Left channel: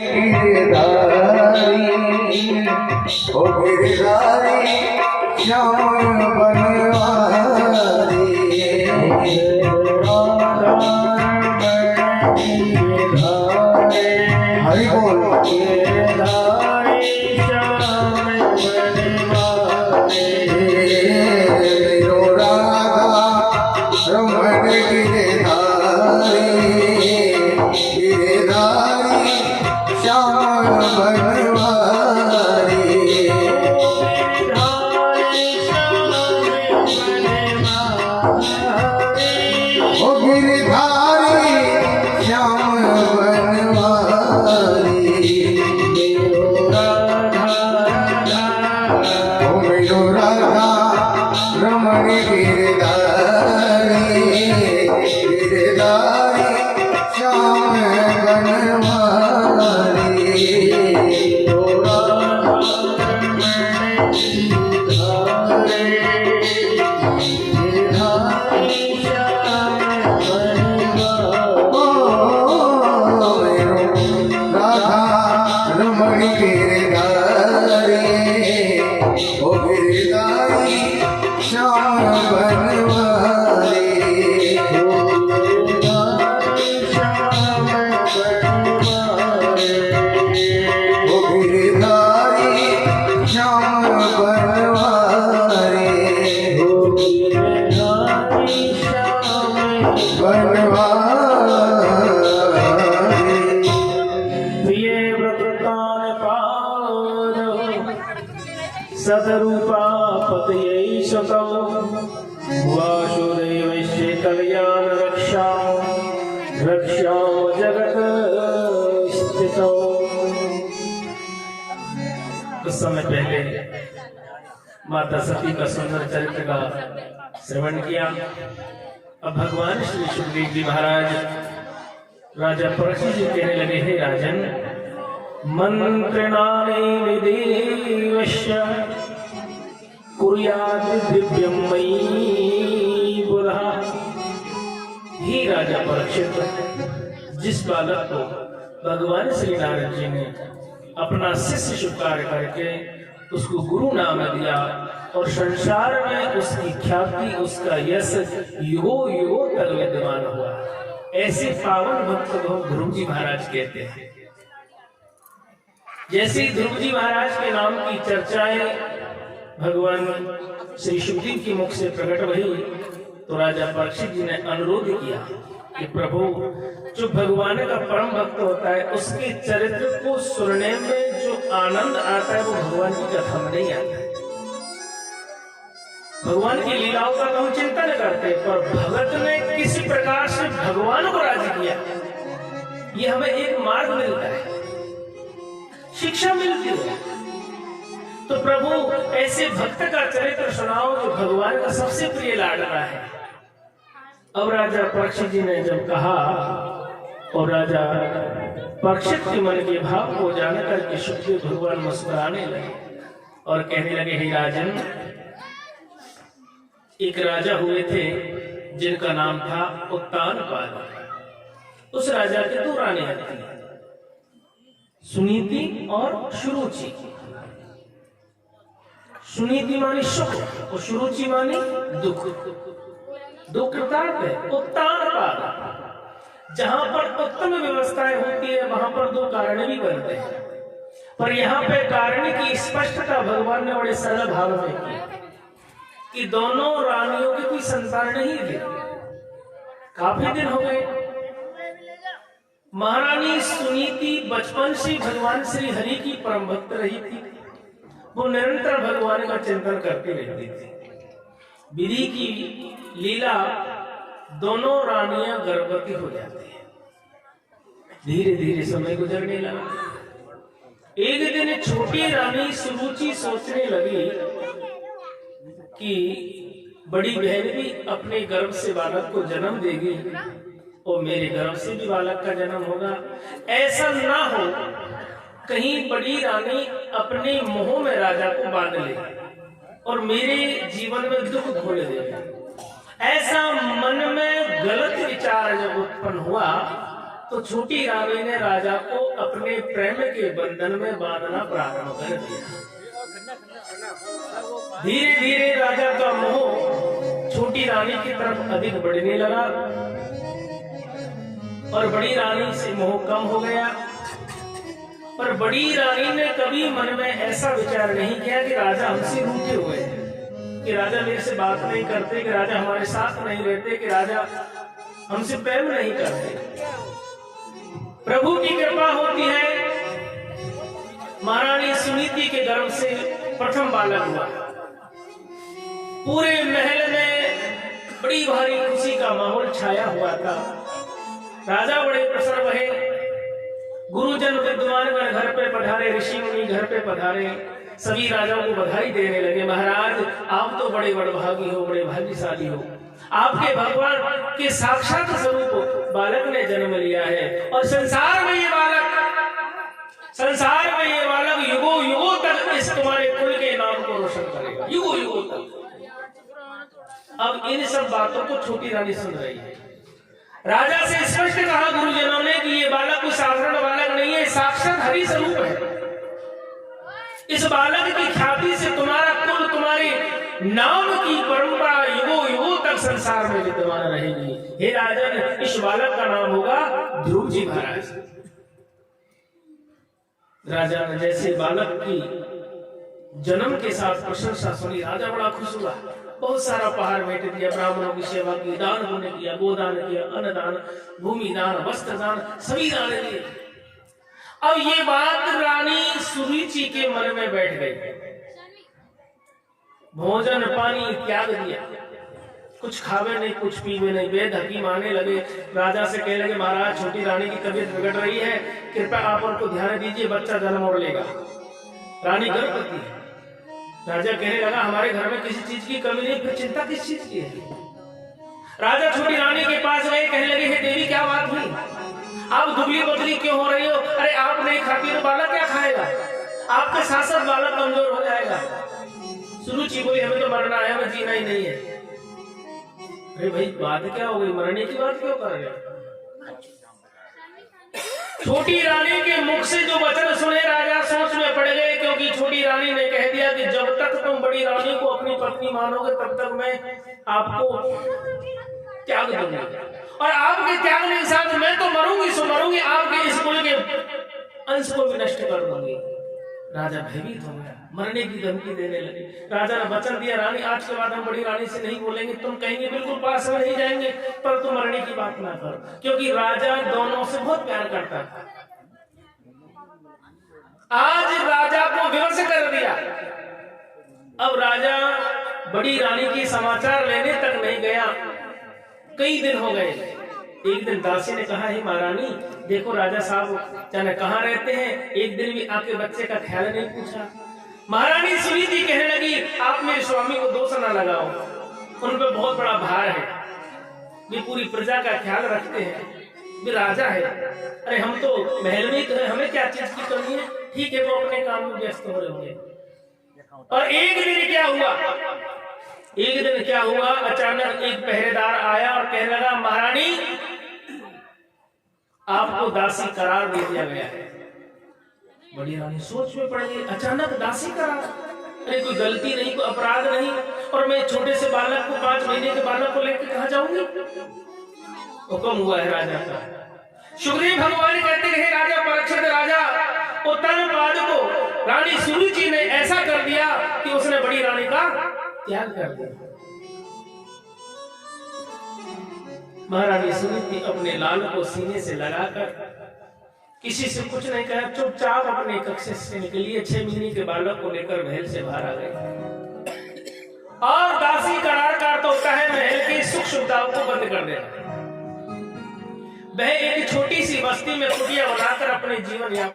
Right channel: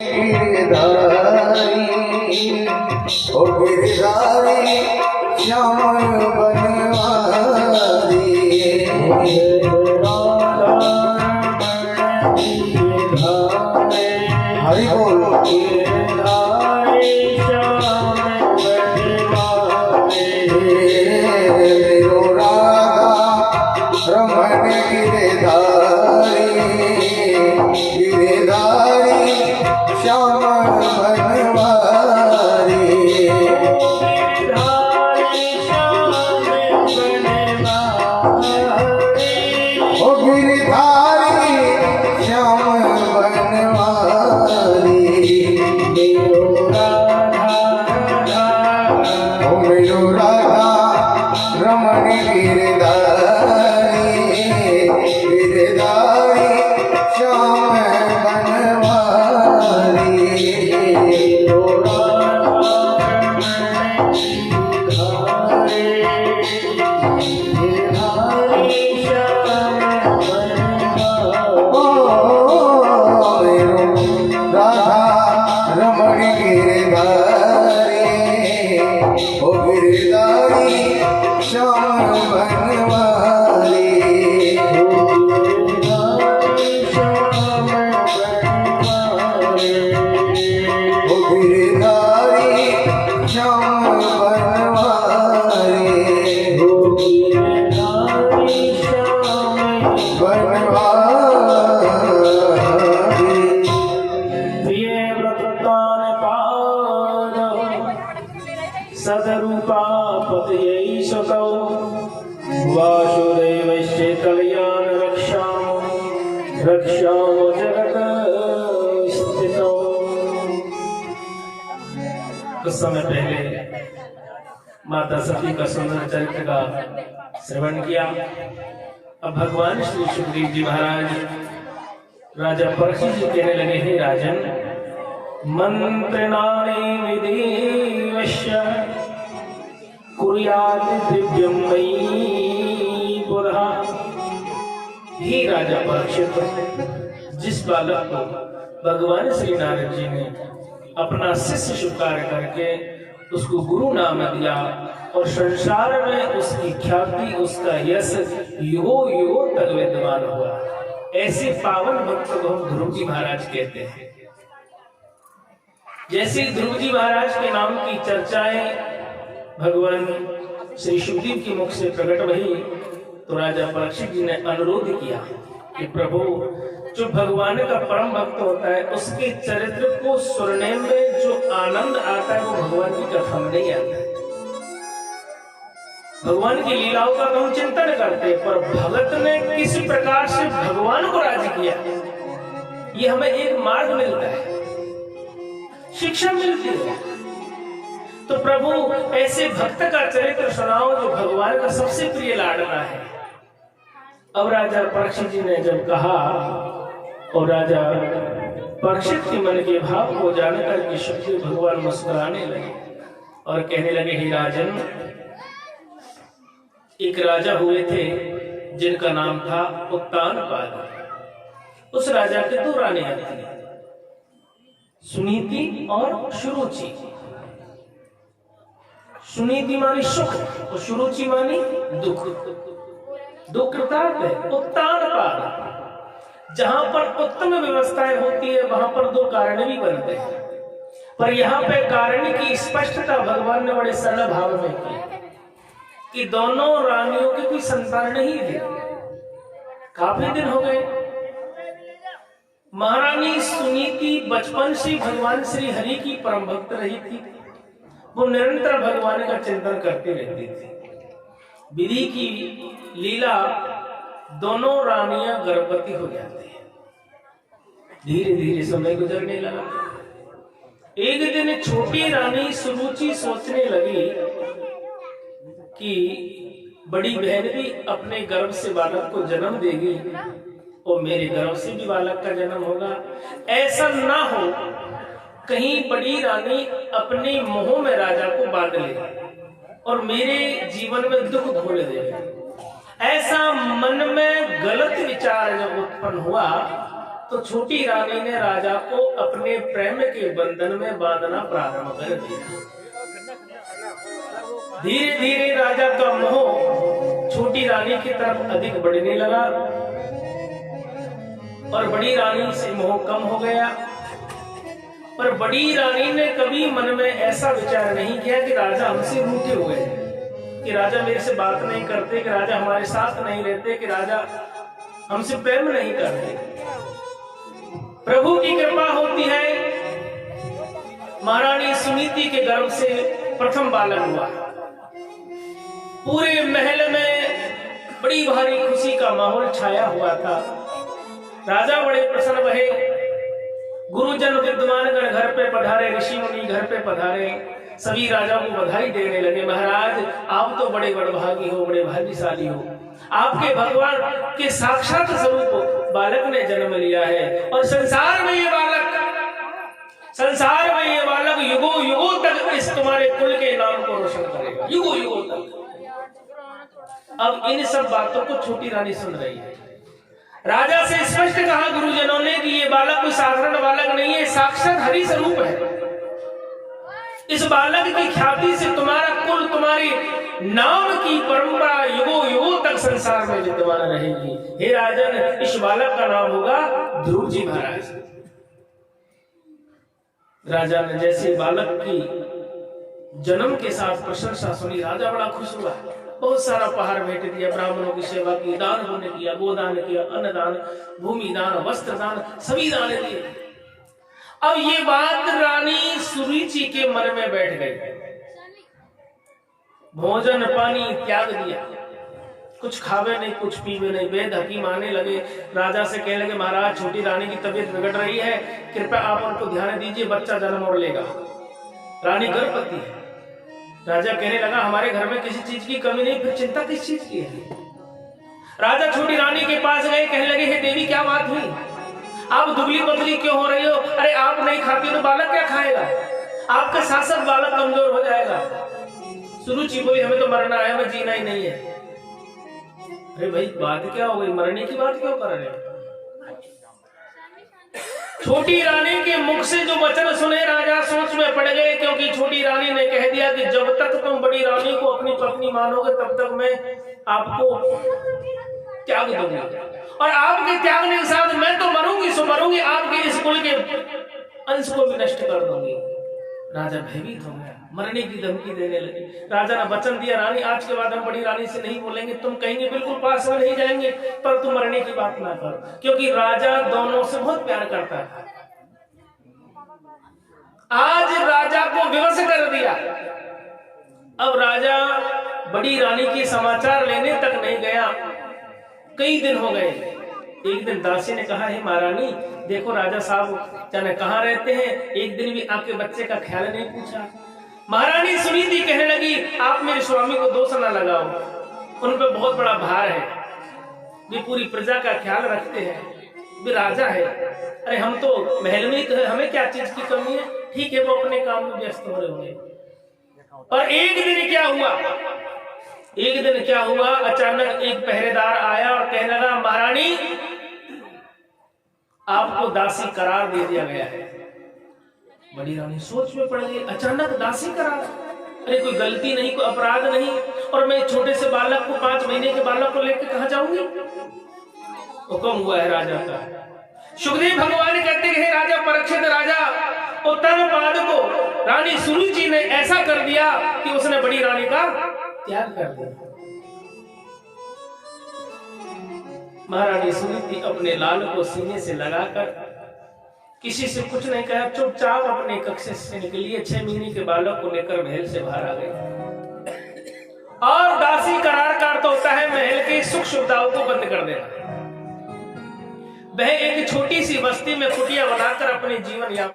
गिरधारी ओ गिरधारी श्याम बनवारी हरि बोल मेरो राधा रमण गिरधारी गिरधारी श्याम बनवारी ओ गिरधारी श्याम बनवारी ओ मेरो राधा रमण गिरधारी गिरधारी श्याम बनवारी सदरूपा पतये शकौ वासुदेवस्य कल्याण रक्षां जगत स्थितौ। कुछ समय पहले माता सती का सुंदर चरित्र का श्रवण किया। अब भगवान श्री सुखदेव जी महाराज राजा परीक्षित जी कहने लगे, हे राजन, मंत्रणानि विदेवश्य कुर्यात् दिव्यं मयि बुधः। ही राजा परीक्षित, जिस बालक को भगवान श्री नारद जी ने अपना शिष्य स्वीकार करके उसको गुरु नाम दिया और संसार में उसकी ख्याति उसका यश युगों युगों तक विद्यमान हुआ, ऐसे पावन भक्त को हम ध्रुव जी महाराज कहते हैं। जैसे ध्रुव जी महाराज के नाम की चर्चाएं भगवान श्री सुखदेव के मुख से प्रकट हुई तो राजा परीक्षित जी ने अनुरोध किया कि प्रभु, जो भगवान का परम भक्त होता है उसके चरित्र को सुनने में जो आनंद आता है वो भगवान की कथा में नहीं आता है। भगवान की लीलाओं का तो हम चिंतन करते हैं, पर भगत ने किस प्रकार से भगवान को राजी किया, ये हमें एक मार्ग मिलता है, शिक्षा मिलती है। तो प्रभु, ऐसे भक्त का चरित्र सुनाओ जो भगवान का सबसे प्रिय लाडला है। अब राजा परीक्षित जी ने जब कहा और राजा परीक्षित के मन के भाव को जानकर कि सुखदेव भगवान मुस्कुराने लगे और कहने लगे, हे राजन, एक राजा हुए थे जिनका नाम था उत्तानपाद। उस राजा के दो रानियां थी, सुनीति और सुरुचि। सुनीति मानी सुख और सुरुचि मानी दुख। दो कृतार्थ है। उत्तानपाद, जहां पर उत्तम व्यवस्थाएं होती है वहां पर दो कारण भी बनते हैं, पर यहाँ पे कारण की स्पष्टता भगवान ने बड़े सरल भाव में की कि दोनों रानियों की कोई संतान नहीं थी। काफी दिन हो गए। महारानी सुनीति बचपन से भगवान श्री हरि की परम भक्त रही थी। वो निरंतर भगवान का चिंतन करती रहती थी। विधि की लीला, दोनों रानियां गर्भवती हो जाती है। धीरे धीरे समय गुजरने लगा। एक दिन छोटी रानी सुरुचि सोचने लगी कि बड़ी बहन भी अपने गर्भ से बालक को जन्म देगी और मेरे गर्भ से भी बालक का जन्म होगा। ऐसा ना हो कहीं बड़ी रानी अपने मुंह में राजा को बांध ले और मेरे जीवन में दुख घोल दे। ऐसा मन में गलत विचार जब उत्पन्न हुआ तो छोटी रानी ने राजा को अपने प्रेम के बंधन में बांधना प्रारंभ कर दिया। धीरे धीरे राजा का मोह छोटी रानी की तरफ अधिक बढ़ने लगा और बड़ी रानी से मोह कम हो गया। पर बड़ी रानी ने कभी मन में ऐसा विचार नहीं किया कि राजा हमसे रूठे हुए हैं, कि राजा मेरे से बात नहीं करते, कि राजा हमारे साथ नहीं रहते, कि राजा हमसे प्रेम नहीं करते। प्रभु की कृपा होती है। महारानी सुनीति के गर्भ से प्रथम बालक हुआ। पूरे महल में बड़ी भारी खुशी का माहौल छाया हुआ था। राजा बड़े प्रसन्न रहे। गुरुजन विद्वानगण घर पे पधारे, ऋषि मुनि घर पे पधारे, सभी राजाओं को बधाई देने लगे। महाराज आप तो बड़े बड़भागी हो, बड़े भाग्यशाली हो, आपके भगवान के साक्षात स्वरूप बालक ने जन्म लिया है और संसार में ये बालक युगों युगों तक इस तुम्हारे कुल के नाम को रोशन करेगा, युगों युगों तक। अब इन सब बातों को छोटी रानी सुन रही है। राजा से स्पष्ट कहा गुरुजनों ने कि ये बालक कोई साधारण बालक नहीं है, साक्षात हरि स्वरूप है। इस बालक की ख्याति से तुम्हारा कुल, तुम्हारी नाम की परंपरा युगों युगों तक संसार में विद्यमान रहेगी। हे राजन, इस बालक का नाम होगा ध्रुव जी महाराज। राजा ने जैसे बालक की जन्म के साथ प्रशंसा सुनी, राजा बड़ा खुश हुआ। बहुत सारा उपहार भेंट दिया, ब्राह्मणों की सेवा की, दान पुण्य किया, गोदान किया, अन्नदान, भूमि दान, वस्त्र दान, सभी दान दिए। अब ये बात रानी सुरुचि के मन में बैठ गई। भोजन पानी त्याग दिया, कुछ खावे नहीं, कुछ पीवे नहीं। वेद हकीम आने लगे, राजा से कहने लगे महाराज छोटी रानी की तबीयत बिगड़ रही है, कृपया आप उनको ध्यान दीजिए, बच्चा जन्म और लेगा। रानी गर्भवती है। राजा कहने लगा हमारे घर में किसी चीज की कमी नहीं, फिर चिंता किस चीज की है। राजा छोटी रानी के पास गए, कहने लगे हे देवी क्या बात हुई, आप दुबली पतली क्यों हो रही हो? अरे आप नहीं खाती तो बालक क्या खाएगा, आपके साथ साथ बालक कमजोर हो जाएगा। सुरुचि बोली हमें तो मरना है, हमें जीना ही नहीं है। अरे भाई बात क्या हो गई, मरने की बात क्यों कर रहे हो? छोटी रानी के मुख से जो वचन सुने राजा सोच में पड़ गए, क्योंकि छोटी रानी ने कह दिया कि जब तक तुम बड़ी रानी को अपनी पत्नी मानोगे तब तक मैं आपको त्याग दूंगी, और आपके त्यागने के साथ मैं तो मरूंगी सो मरूंगी, आपके इस कुल के अंश को भी नष्ट कर दूंगी। राजा भयभीत हो गया, मरने की धमकी देने लगे। राजा ने वचन दिया रानी आज के बाद हम बड़ी रानी से नहीं बोलेंगे, तुम कहेंगे बिल्कुल पास में नहीं जाएंगे, पर तुम मरने की बात ना कर, क्योंकि राजा दोनों से बहुत प्यार करता था। आज राजा को विवश कर दिया। अब राजा बड़ी रानी की समाचार लेने तक नहीं गया, कई दिन हो गए। एक दिन दासी ने कहा हे महारानी देखो राजा साहब जाने कहाँ रहते हैं, एक दिन भी आपके बच्चे का ख्याल नहीं पूछा। महारानी सुनीति कहने लगी आप मेरे स्वामी को दोष न लगाओ, उन पर बहुत बड़ा भार है, वे पूरी प्रजा का ख्याल रखते हैं, वे राजा है। अरे हम तो महल में ही तो है, हमें क्या चीज की कमी है? ठीक है वो अपने काम में व्यस्त हो रहे होंगे। और एक दिन क्या हुआ, अचानक एक पहरेदार आया और कहने लगा महारानी आपको दासी करार दे दिया गया है। बड़ी रानी सोच में पड़ गई, अचानक दासी करार, अरे कोई गलती नहीं, कोई अपराध नहीं, और मैं छोटे से बालक को 5 महीने के बालक को लेकर कहां जाऊंगी? हुक्म हुआ है राजा का। सुखदेव भगवान कहते हैं राजा परीक्षित, राजा उत्तरपाद को रानी सुरुचि ने ऐसा कर दिया कि उसने बड़ी रानी का त्याग कर दिया। महारानी सुनीति अपने लाल को सीने से लगाकर किसी से कुछ नहीं कहा, चुपचाप अपने कक्ष से निकली, 6 महीने के बालक को लेकर महल से बाहर आ गई। और दासी करार का अर्थ होता है महल की सुख सुविधाओं को बंद कर देना। वह एक छोटी सी बस्ती में कुटिया बनाकर अपने जीवन यापन